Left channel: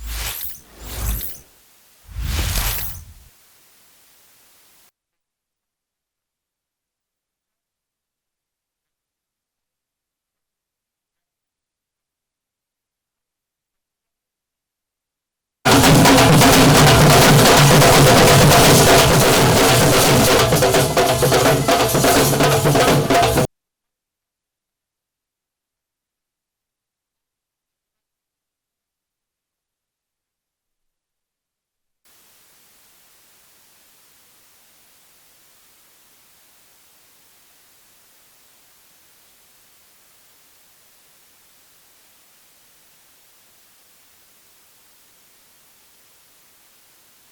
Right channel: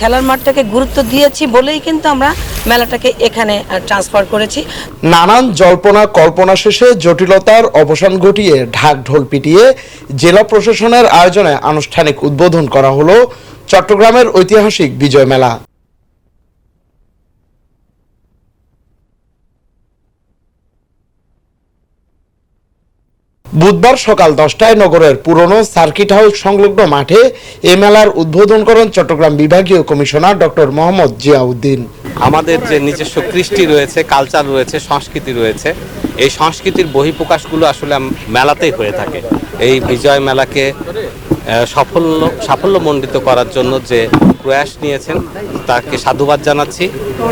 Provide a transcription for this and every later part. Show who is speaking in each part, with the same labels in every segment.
Speaker 1: খেলার মাঠটাকে গুরুত্ব দিয়েছি বলেই কিন্তু আমরা মেলাটাকে এখানে ট্রান্সফার করেছি।
Speaker 2: নানান জল্পনা কল্পনা শেষে জটিলতার অবসান ঘটিয়ে ঢাক ঢোল পিটিয়ে জেলা প্রশাসনের আয়োজনে আনুষ্ঠানিক উদ্বোধন করা হলো চট্টগ্রামের ঐতিহাসিক বিজয় মেলা। বুধবার সকাল দশটায় নগরের পুরনো সার্কিট হাউস সংলগ্ন মাঠে এ মেলার উদ্বোধন করেন চট্টগ্রাম বিভাগীয় কমিশনার ডক্টর মোহাম্মদ জিয়াউদ্দিন।
Speaker 3: আমাদের যে নিজস্ব কৃষ্টি রয়েছে কালচার রয়েছে, সংস্কৃতি রয়েছে, এই সংস্কৃতির বহিঃপ্রকাশগুলো আসলে মেলাতেই হয়ে থাকে। এই বিজয় মেলাকে সাফল্য, সাফল্যমণ্ডিত করার জন্য যে প্রয়াস নিয়েছেন তাকে সাধুবাদ জানাচ্ছি।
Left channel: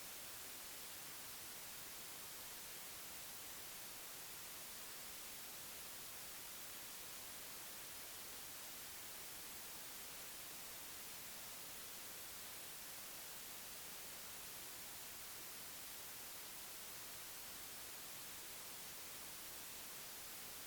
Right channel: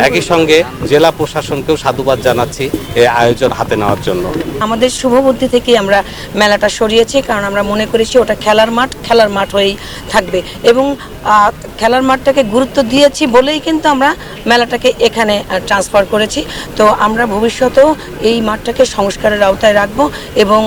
Speaker 3: একই সঙ্গে জেলা প্রশাসনকেও সাধুবাদ জানাচ্ছি এই আয়োজন হাতে নেওয়ার জন্য।
Speaker 1: আমাদের শুভবুদ্ধি থেকেই আমরা মেলাটা সরিয়েছি কারণ আমরা মনে করেছি ওটা খেলার মাঠ খেলার মাঠ হয়েই থাকবে। এবং খেলার মাঠটাকে গুরুত্ব দিয়েছি বলেই কিন্তু আমরা মেলাটাকে এখানে ট্রান্সফার করেছি। তো আমরা ভবিষ্যতেও এই মাঠটাকে সংস্কারের আওতায় রাখব এবং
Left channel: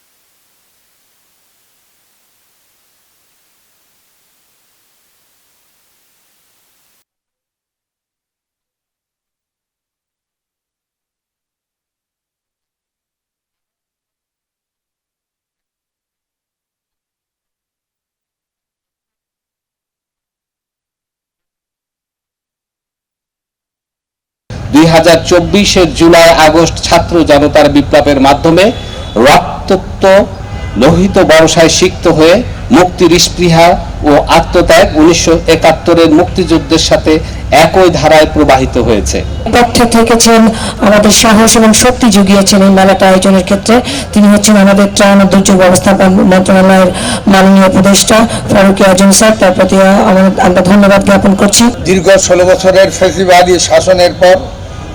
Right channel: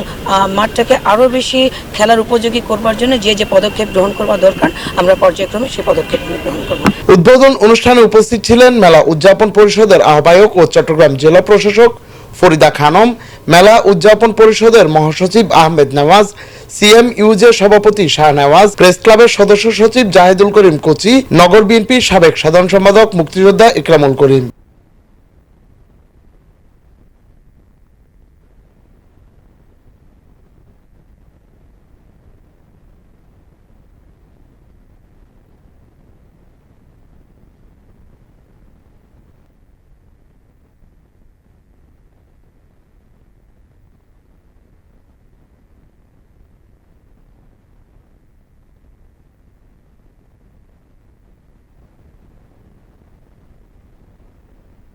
Speaker 1: মাঠটাকে আরও বেশি খেলার উপযোগী করবার জন্য যে যে পদক্ষেপ গ্রহণ করবার দরকার আমরা পর্যায়ক্রমে সেই পদক্ষেপ গ্রহণ করব।
Speaker 2: উদ্বোধন অনুষ্ঠানে উপস্থিত ছিলেন মেলা উদযাপন পরিষদের আহ্বায়ক ও চট্টগ্রাম জেলা প্রশাসক ফরিদা খানম, মেলা উদযাপন পরিষদের মহাসচিব আহমেদ নওয়াজ, সিএম ইউজে সভাপতি শাহ নওয়াজ, প্রেস ক্লাবের সদস্য সচিব জাহেদুল করিম কোচি, নগর বিএনপির সাবেক সাধারণ সম্পাদক মুক্তিযোদ্ধা ইকরামুল করিম।
Speaker 4: দুই হাজার চব্বিশের জুলাই আগস্ট ছাত্র জনতার বিপ্লবের মাধ্যমে রক্তত্ব লোহিত বর্ষায় সিক্ত হয়ে মুক্তির স্পৃহা ও আত্মত্যাগ উনিশশো একাত্তরের মুক্তিযুদ্ধের সাথে একই ধারায় প্রবাহিত হয়েছে।
Speaker 5: পক্ষে থেকেছেন আমাদের সাহস এবং শক্তি জুগিয়েছেন এই মেলাটা আয়োজনের ক্ষেত্রে। তিনি হচ্ছেন আমাদের ত্রাণ ও দুর্যোগ ব্যবস্থাপন মন্ত্রণালয়ের মাননীয় উপদেষ্টা ফারুকি আজম স্যার তার প্রতি আমরা- আমরা ধন্যবাদ জ্ঞাপন করছি।
Speaker 6: দীর্ঘ ষোলো বছরের ফেসিবাদী শাসনের পর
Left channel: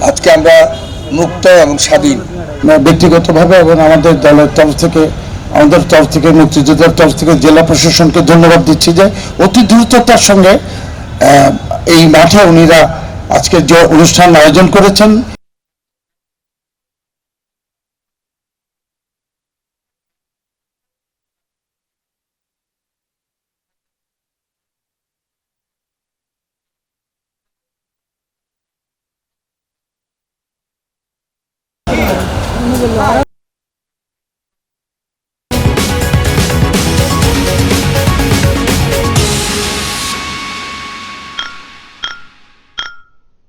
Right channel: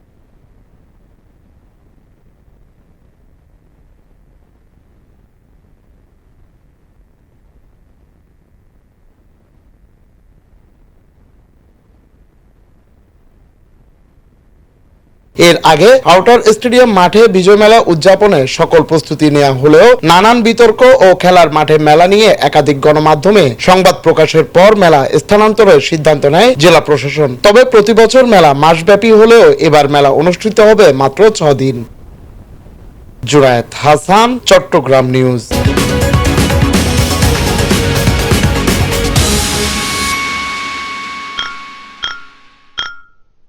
Speaker 6: আজকে আমরা মুক্ত এবং স্বাধীন। ব্যক্তিগতভাবে এবং আমাদের দলের তরফ থেকে আমাদের তরফ থেকে, মুক্তিযোদ্ধার তরফ থেকে, জেলা প্রশাসনকে ধন্যবাদ দিচ্ছি যে অতি দ্রুততার সঙ্গে এই মাঠে উনিরা আজকে যে অনুষ্ঠান আয়োজন করেছেন।
Speaker 2: এর আগে আউটার স্টেডিয়াম মাঠে বিজয় মেলা উদযাপনে সকল প্রস্তুতি নেওয়া হলেও নানান বিতর্ক ও খেলার মাঠে মেলা নিয়ে একাধিক গণমাধ্যমে সংবাদ প্রকাশের পর মেলা স্থানান্তরের সিদ্ধান্ত নেয় জেলা প্রশাসন। তবে প্রতি বছর মেলা মাসব্যাপী হলেও এবার মেলা অনুষ্ঠিত হবে মাত্র ছ দিন জুরায়েত হাসান চট্টগ্রাম নিউজ